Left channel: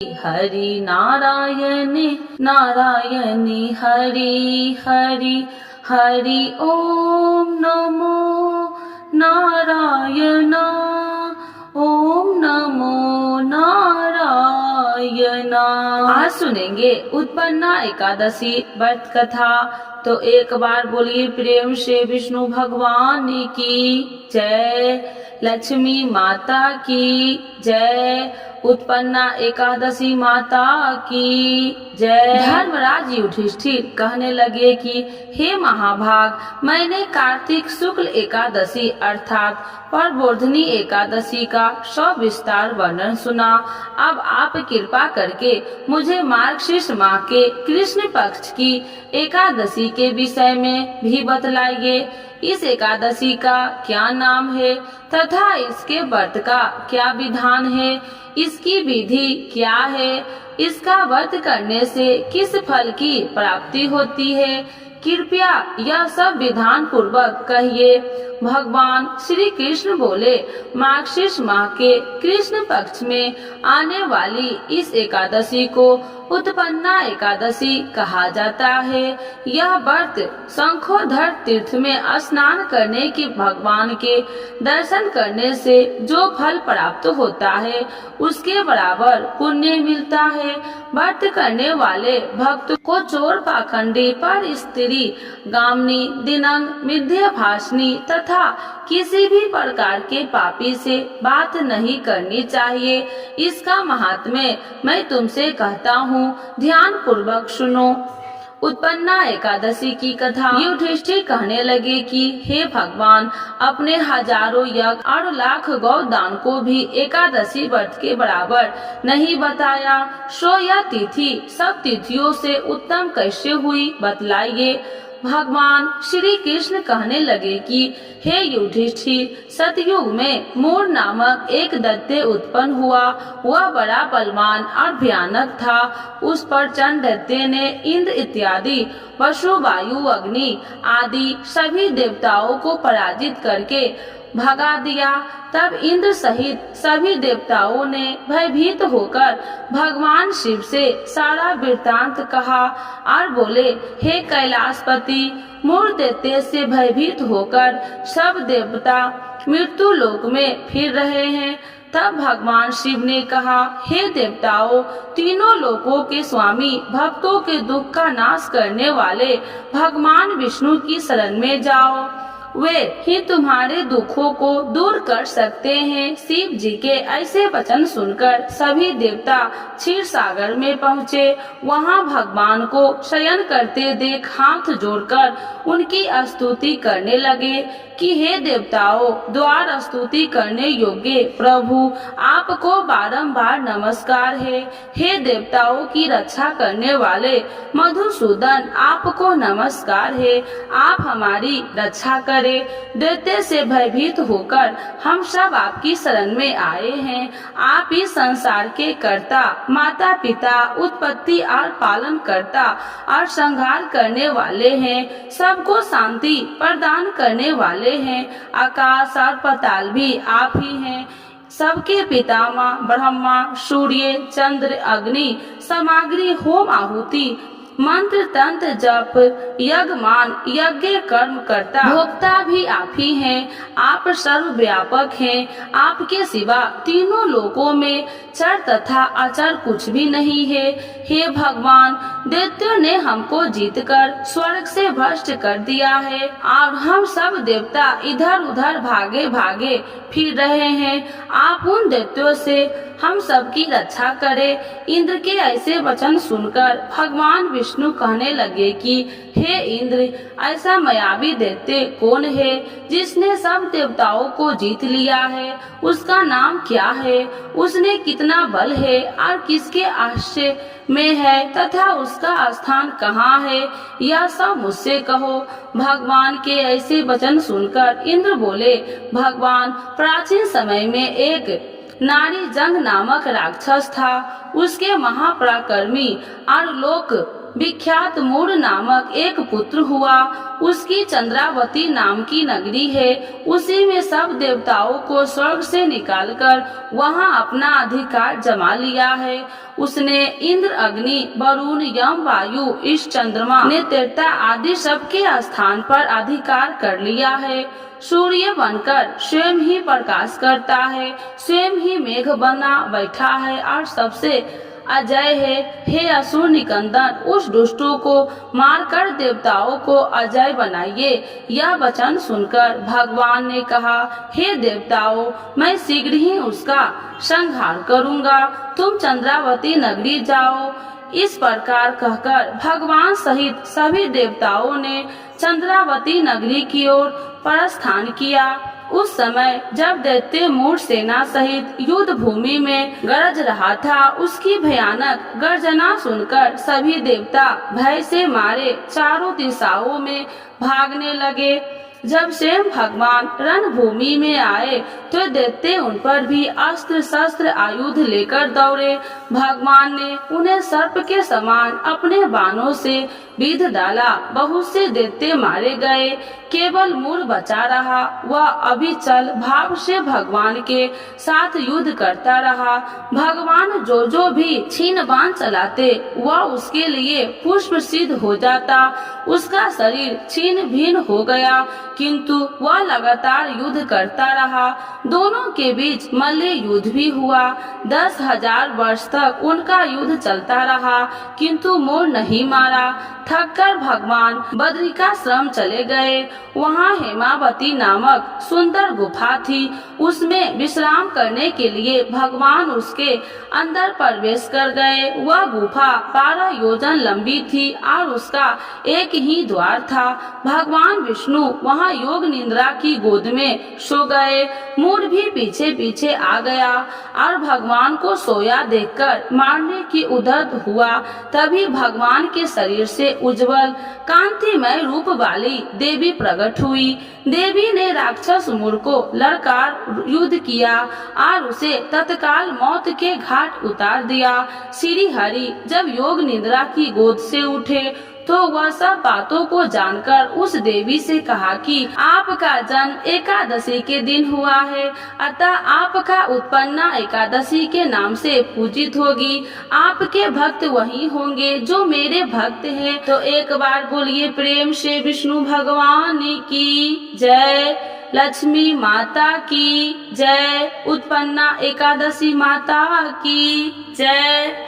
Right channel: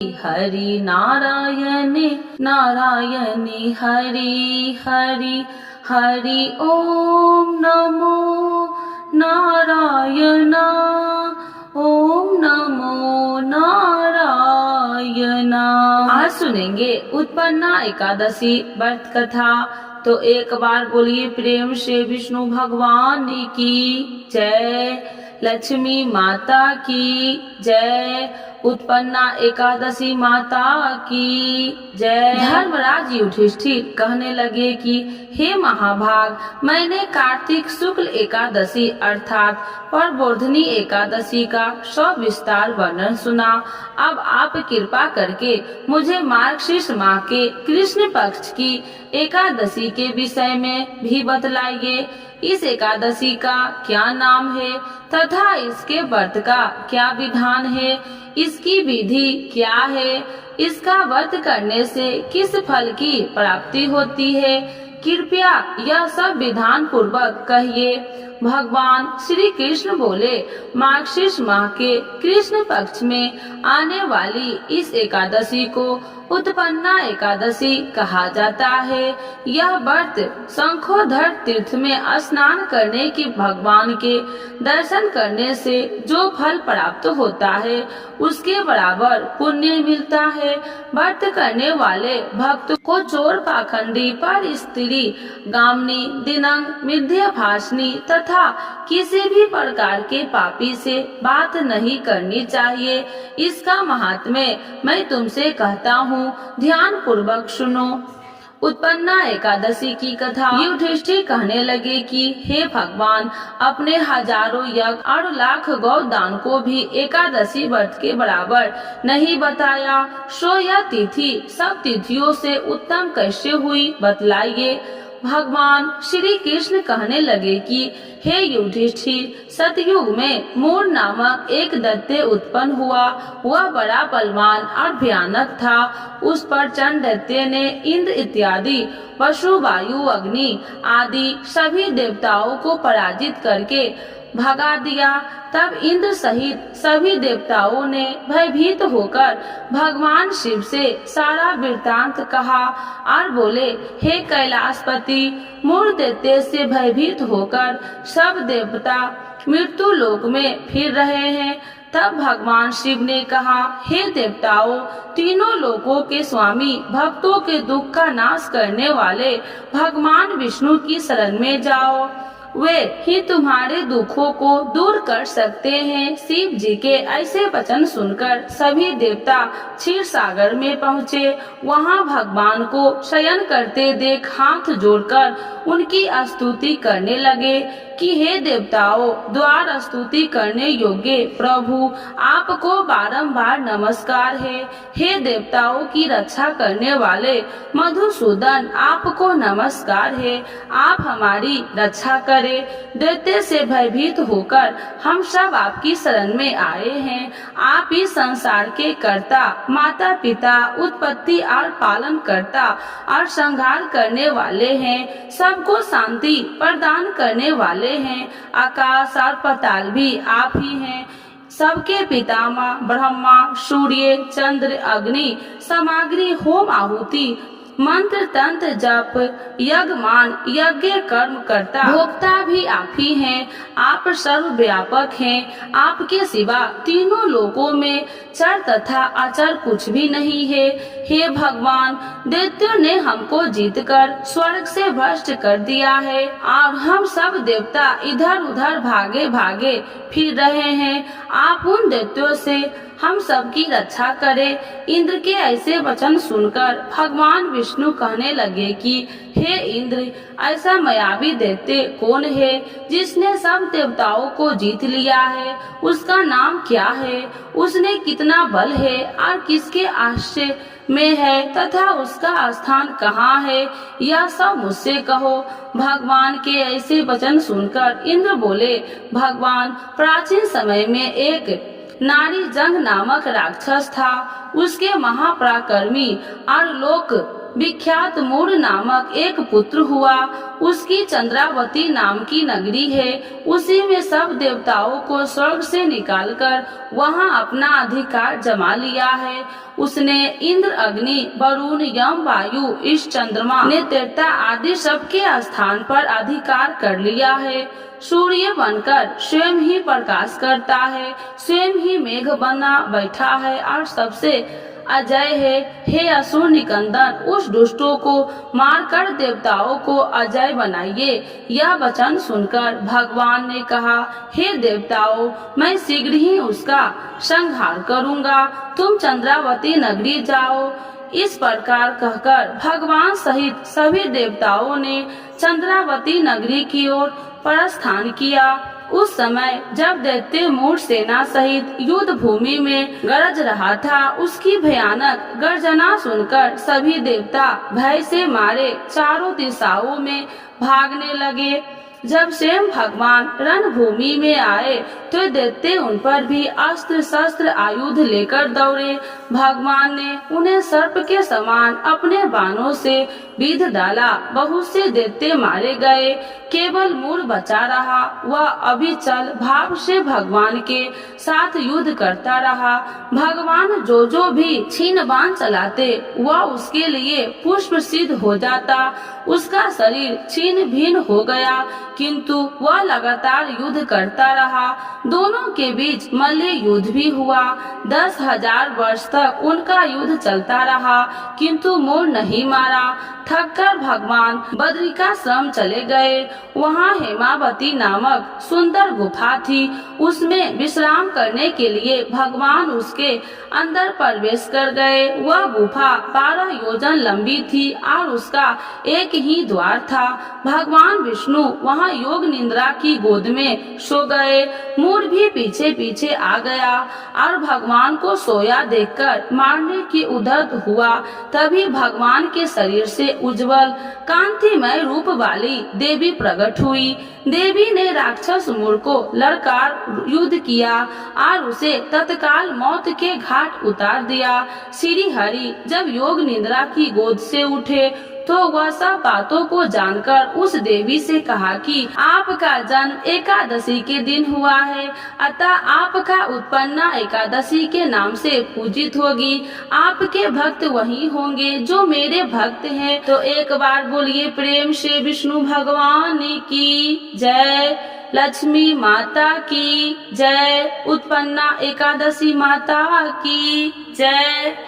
हरि नारायणी नारायणी हरि हरि हरि ओम नमो नारायण ओम नमो नारायण। आज सुनेंगे उत्पन्ना एकादशी व्रत कथा। तो एक बार बोलिए प्रेम से विष्णु भगवान की जय, लक्ष्मी माता की जय, उत्पन्ना एकादशी माता की जय। धर्मराज युधिष्ठिर कहने लगे कि हे महाभाग, मैंने कार्तिक शुक्ल एकादशी अर्थात प्रबोधिनी एकादशी का सविस्तार वर्णन सुना। अब आप कृपा करके मुझे मार्गशीर्ष माह के कृष्ण पक्ष की एकादशी के विषय में भी बतलाइए। इस एकादशी का क्या नाम है तथा इसके व्रत का क्या विधान है, इसकी विधि क्या है, इसका व्रत करने से किस फल की प्राप्ति होती है, कृपया यह सब विधान पूर्वक कहिए। भगवान श्री कृष्ण बोले, मार्गशीर्ष माह के कृष्ण पक्ष में आने वाली इस एकादशी को उत्पन्ना एकादशी कहा जाता है। यह व्रत शंखोधर तीर्थ में स्नान करने की भगवान के दर्शन करने से जो फल प्राप्त होता है उसके बराबर पुण्य मिलता है। व्रत करने वाले भक्त को चोर, पाखंडी, पर स्त्री, गामनी, दिनंग, मिथ्याभाषणी तथा किसी भी प्रकार के पापी से बात नहीं करनी चाहिए। इसका महात्म्य मैं तुमसे कहता हूँ, ध्यान पूर्वक सुनो। उत्पन्ना एकादशी की कथा। युधिष्ठिर कहने लगे कि हे भगवान, अपने हजारों यज्ञ और लाख गौ दान को भी एकादशी व्रत के बराबर नहीं बताया, सो यह तिथि सब तिथियों से उत्तम कैसे हुई, बतलाइए। भगवान श्री कृष्ण कहने लगे कि हे युधिष्ठिर, सतयुग में मूर नामक एक दैत्य उत्पन्न हुआ। वह बड़ा बलवान और भयानक था। उस पर चंड दैत्य ने इंद्र इत्यादि वसु, वायु, अग्नि आदि सभी देवताओं को पराजित करके भगा दिया। तब इंद्र सहित सभी देवताओं ने भयभीत होकर भगवान शिव से सारा वृत्तांत कहा और बोले, हे कैलाशपति, मूर दैत्य से भयभीत होकर सब देवता मृत्यु लोक में फिर रहे हैं। तब भगवान शिव ने कहा, हे देवताओं, तीनों लोकों के स्वामी, भक्तों के दुख का नाश करने वाले भगवान विष्णु की शरण में जाओ। वे ही तुम्हारे दुखों को दूर कर सकते हैं। शिव जी के ऐसे वचन सुनकर सभी देवता क्षीर सागर में पहुँचे। वहाँ भगवान को शयन करते देख हाथ जोड़कर उनकी स्तुति करने लगे कि हे देवताओं, द्वार स्तुति करने योग्य प्रभु, आपको बारंबार नमस्कार है। हे देवताओं की रक्षा करने वाले मधुसूदन, आपको नमस्कार है। आप हमारी रक्षा करें। दैत्य से भयभीत होकर हम सब आपकी शरण में आए हैं। आप इस संसार के कर्ता, माता पिता, उत्पत्ति और पालन करता और संहार करने वाले हैं। सबको शांति प्रदान करने वाले हैं। आकाश और पाताल भी आप ही हैं। सबके पितामह ब्रह्मा, सूर्य, चंद्र, अग्नि, सामग्री, होम, आहुति, मंत्र, तंत्र, जप, यज्ञमान, यज्ञ कर्म करता, भोक्ता भी आप ही हैं। आप सर्वव्यापक हैं। आपके सिवा तीनों लोकों में चर तथा अचर कुछ भी नहीं है। हे भगवान, दैत्यों ने हमको जीतकर स्वर्ग से भ्रष्ट कर दिया है और हम सब देवता इधर उधर भागे भागे फिर रहे हैं। आप उन दैत्यों से हम सबकी रक्षा करें। इंद्र के ऐसे वचन सुनकर भगवान विष्णु कहने लगे कि हे इंद्र, ऐसा मायावी दैत्य कौन है जिसने सब देवताओं को जीत लिया है? उसका नाम क्या है? उसने कितना बल है और किसके आश्रय में है तथा उसका स्थान कहाँ है? यह सब मुझसे कहो। भगवान के ऐसे वचन सुनकर इंद्र बोले, भगवान, प्राचीन समय में एक नारी जंग नामक राक्षस था। उसके महापराक्रमी और लोक विख्यात मूड नामक एक पुत्र हुआ। उसकी चंद्रावती नाम की नगरी है। उसी में सब देवताओं को स्वर्ग से निकालकर वहां अपना अधिकार जमा लिया है। उसने इंद्र, अग्नि, वरुण, यम, वायु, इस चंद्रमा ने त्रेता आदि सबके स्थान पर अधिकार कर लिया है। सूर्य बनकर स्वयं ही प्रकाश करता है, स्वयं ही मेघ बना बैठा है और सबसे अजय है। हे असुर निकंदन, उस दुष्टों को मारकर देवताओं को अजय बनाइए। यह वचन सुनकर भगवान ने कहा, हे देवताओं, मैं शीघ्र ही उसका संहार करूंगा। तुम चंद्रावती नगरी जाओ। इस प्रकार कहकर भगवान सहित सभी देवताओं ने चंद्रावती नगरी की ओर प्रस्थान किया। उस समय जब दैत्य मूढ़ सेना सहित युद्ध भूमि में गरज रहा था, उसकी भयानक गर्जना सुनकर सभी देवता भय से मारे चारों दिशाओं में भागने लगे। जब स्वयं भगवान रणभूमि में आए तो दैत्य उन पर भी अस्त्र शस्त्र आयुध लेकर दौड़े। भगवान ने उन्हें सर्प के समान अपने बाणों से बीध डाला। बहुत से दैत्य मारे गए, केवल मूढ़ बचा रहा। वह अभिचल भाव से भगवान के साथ युद्ध करता रहा। भगवान जो भी छीन बाण चलाते वह उसके लिए पुष्प सिद्ध हो जाता। उसका शरीर छीन भिन्न हो गया, किंतु वह लगातार युद्ध करता रहा। दोनों के बीच मल्ल युद्ध भी हुआ। 10,000 वर्ष तक उनका युद्ध चलता रहा, किंतु मोर नहीं मारा। थककर भगवान बद्रिकाश्रम चले गए। वहाँ हेमावती नामक सुंदर गुफा थी। उसमें विश्राम करने के लिए भगवान उसके अंदर प्रवेश कर गए। वह गुफा 12 योजन लंबी थी और उसका एक ही द्वार था। भगवान विष्णु वहाँ योग निद्रा की गोद में सो गए। मूढ़ भी पीछे पीछे आ गया और भगवान को सोया देखकर मारने की उद्यत हुआ। तभी भगवान के शरीर से उज्जवल कांतिमय रूप वाली देवी प्रकट हुई। देवी ने राक्षस मूढ़ को लड़कार युद्ध किया और उसे तत्काल मौत के घाट उतार दिया। श्री हरि जब योग निद्रा की गोद से उठे तो वह सब बातों को जानकर उस देवी से कहा कि आपका जन्म एकादशी के दिन हुआ है, अतः आपका उत्पन्ना एकादशी के नाम से पूजित होगी। आपके भक्त वही होंगे जो मेरे भक्त हैं। तो एक बार बोलिए प्रेम से विष्णु भगवान की जय, लक्ष्मी माता की जय, उत्पन्ना एकादशी माता की जय।